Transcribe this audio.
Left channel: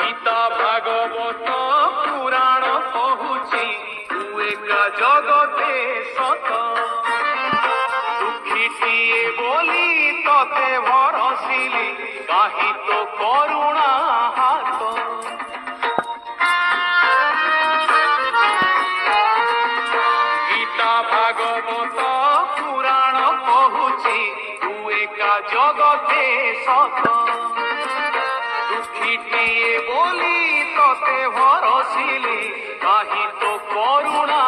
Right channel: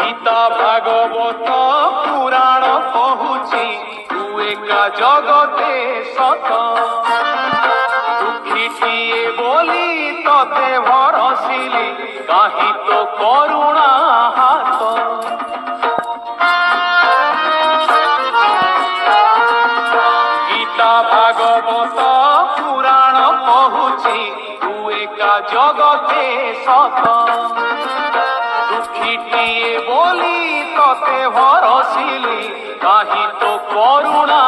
গীতা ভাগবত পুরাণ কহুছি তু একা জগতে সত দুঃখীটিয়ে বলি ততে ভরসিলি কাহি তো করুণা হাত গীতা ভাগবত পুরাণ কহুছি তু একা জগতে সত দুঃখীটিয়ে বলি ততে ভরসিলি কাহি তো করুণা